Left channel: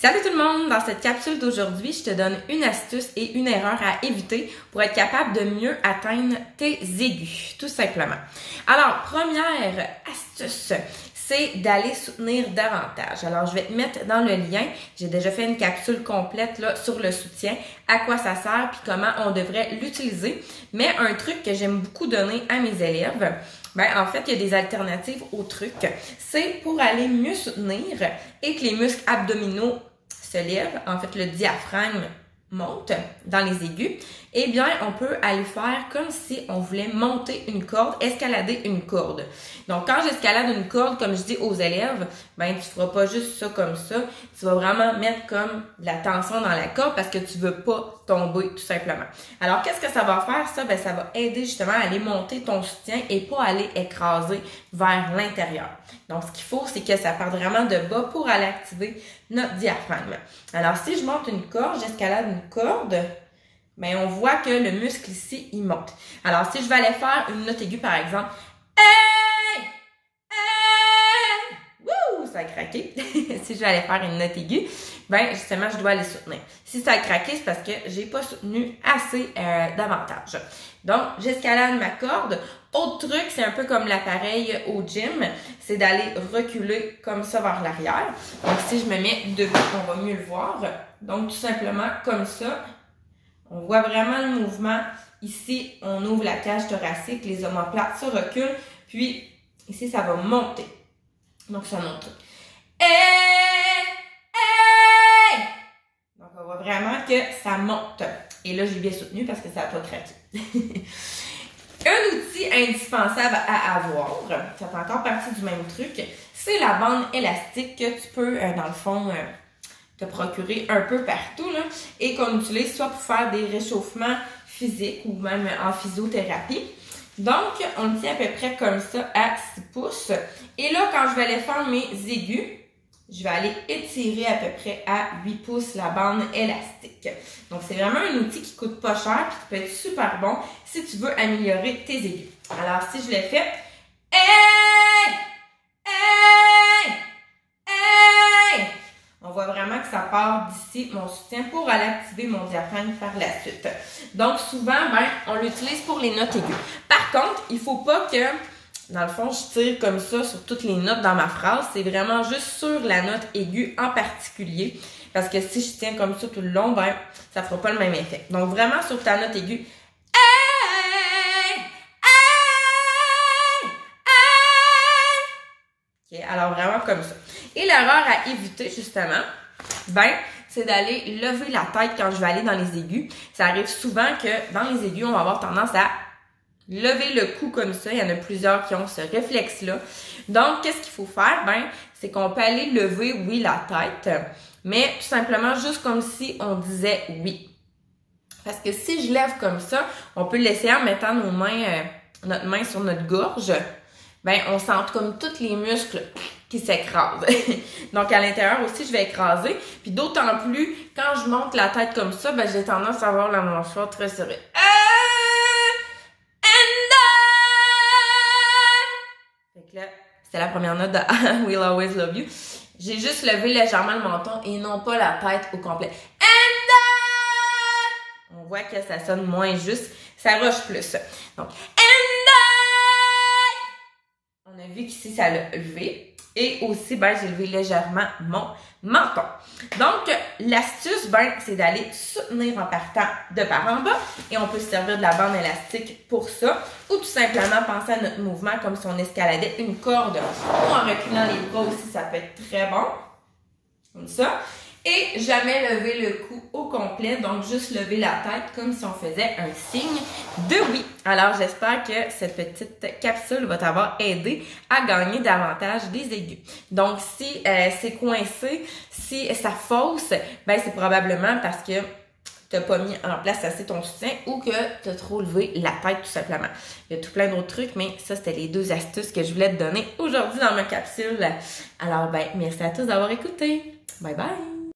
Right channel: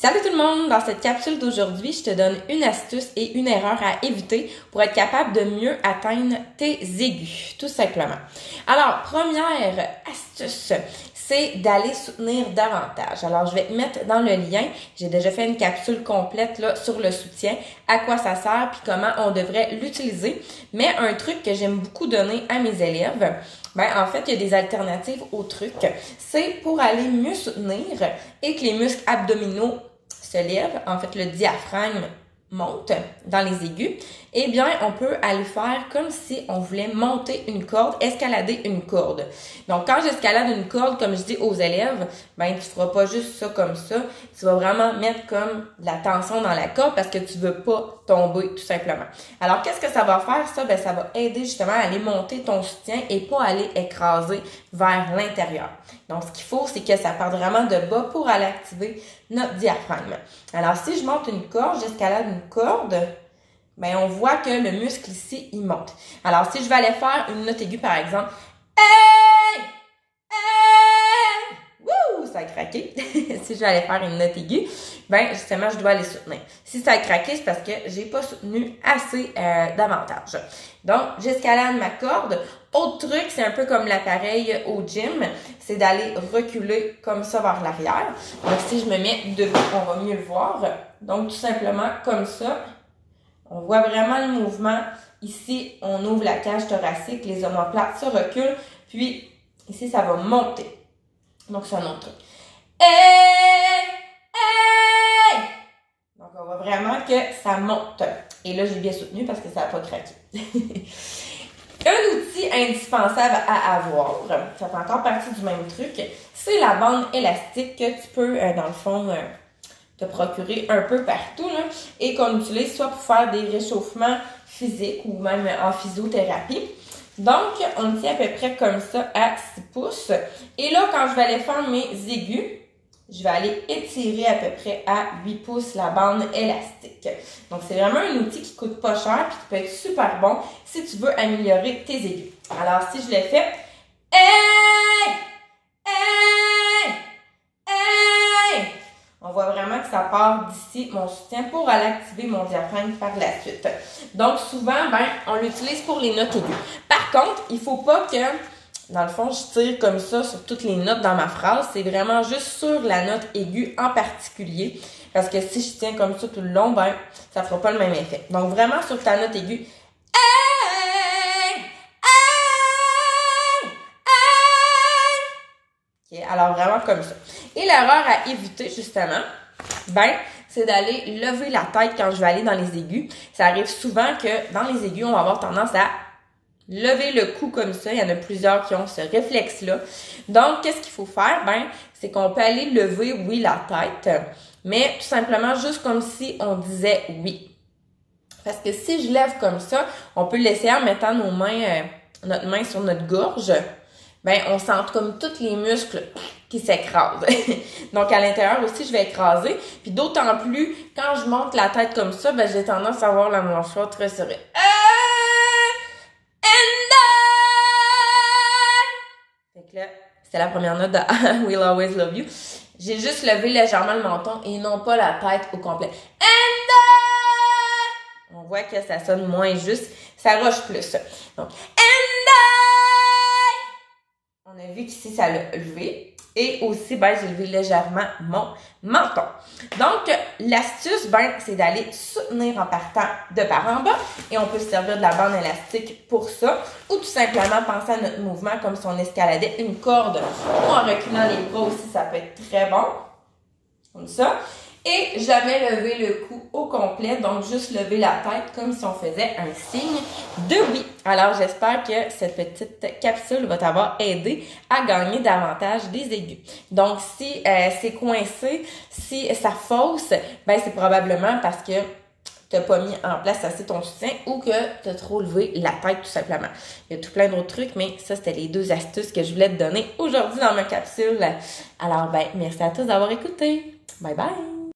Salut tout le monde! Dans cette capsule d'aujourd'hui, je te donne une astuce et une erreur à éviter pour être capable de mieux atteindre tes aigus, tout simplement. Alors, première astuce, c'est d'aller soutenir davantage. Alors, je vais te mettre dans le lien, j'ai déjà fait une capsule complète là sur le soutien, à quoi ça sert puis comment on devrait l'utiliser. Mais un truc que j'aime beaucoup donner à mes élèves, en fait, il y a des alternatives au truc. C'est pour aller mieux soutenir et que les muscles abdominaux se lèvent, en fait le diaphragme monte dans les aigus, eh bien on peut aller faire comme si on voulait monter une corde, escalader une corde. Donc quand j'escalade une corde, comme je dis aux élèves, tu feras pas juste ça comme ça, tu vas vraiment mettre comme de la tension dans la corde parce que tu veux pas tomber tout simplement. Alors qu'est-ce que ça va faire ça? Ça va aider justement à aller monter ton soutien et pas aller écraser vers l'intérieur. Donc ce qu'il faut, c'est que ça parte vraiment de bas pour aller activer notre diaphragme. Alors si je monte une corde, j'escalade une corde, on voit que le muscle ici, il monte. Alors, si je vais aller faire une note aiguë, par exemple, hey! Hey! Wouh! Ça a craqué. Si je vais aller faire une note aiguë, justement, je dois aller soutenir. Si ça a craqué, c'est parce que j'ai pas soutenu assez davantage. Donc, j'escalade ma corde. Autre truc, c'est un peu comme l'appareil au gym, c'est d'aller reculer comme ça vers l'arrière. Donc, si je me mets debout, on va mieux le voir. Donc, tout simplement comme ça. On voit vraiment le mouvement. Ici, on ouvre la cage thoracique, les omoplates se reculent, puis ici, ça va monter. Donc, c'est un autre truc. Hey! Hey! Donc, on voit vraiment que ça monte. Et là, j'ai bien soutenu parce que ça n'a pas craqué. Un outil indispensable à avoir, ça fait encore partie du même truc, c'est la bande élastique que tu peux, dans le fond, te procurer un peu partout là, et qu'on utilise soit pour faire des réchauffements physiques ou même en physiothérapie. Donc, on le tient à peu près comme ça à 6 pouces. Et là, quand je vais aller faire mes aigus, je vais aller étirer à peu près à 8 pouces la bande élastique. Donc, c'est vraiment un outil qui coûte pas cher et qui peut être super bon si tu veux améliorer tes aigus. Alors, si je le fais, hey! Hey! Hey! On voit vraiment que ça part d'ici, mon soutien, pour aller activer mon diaphragme par la suite. Donc, souvent, on l'utilise pour les notes aiguës. Par contre, il ne faut pas que, dans le fond, je tire comme ça sur toutes les notes dans ma phrase. C'est vraiment juste sur la note aiguë en particulier. Parce que si je tiens comme ça tout le long, ça ne fera pas le même effet. Donc, vraiment sur ta note aiguë. Okay, alors, vraiment comme ça. Et l'erreur à éviter, justement, c'est d'aller lever la tête quand je vais aller dans les aigus. Ça arrive souvent que dans les aigus, on va avoir tendance à lever le cou comme ça. Il y en a plusieurs qui ont ce réflexe-là. Donc, qu'est-ce qu'il faut faire? C'est qu'on peut aller lever, oui, la tête, mais tout simplement juste comme si on disait oui. Parce que si je lève comme ça, on peut le laisser en mettant nos mains, notre main sur notre gorge. On sent comme tous les muscles qui s'écrasent. Donc, à l'intérieur aussi, je vais écraser. Puis d'autant plus, quand je monte la tête comme ça, j'ai tendance à avoir la mâchoire très serrée. Fait que là, c'était la première note de I Will Always Love You. J'ai juste levé légèrement le menton et non pas la tête au complet. On voit que ça sonne moins juste. Ça rush plus. Donc, on a vu qu'ici, ça l'a levé. Et aussi, j'ai levé légèrement mon menton. Donc, l'astuce, c'est d'aller soutenir en partant de par en bas. Et on peut se servir de la bande élastique pour ça. Ou tout simplement penser à notre mouvement comme si on escaladait une corde. Ou en reculant les bras aussi, ça peut être très bon. Comme ça. Et jamais lever le cou au complet, donc juste lever la tête comme si on faisait un signe de oui. Alors, j'espère que cette petite capsule va t'avoir aidé à gagner davantage des aigus. Donc, si c'est coincé, si ça fausse, c'est probablement parce que tu n'as pas mis en place assez ton soutien ou que tu as trop levé la tête tout simplement. Il y a tout plein d'autres trucs, mais ça, c'était les 2 astuces que je voulais te donner aujourd'hui dans ma capsule. Alors, merci à tous d'avoir écouté. Bye bye!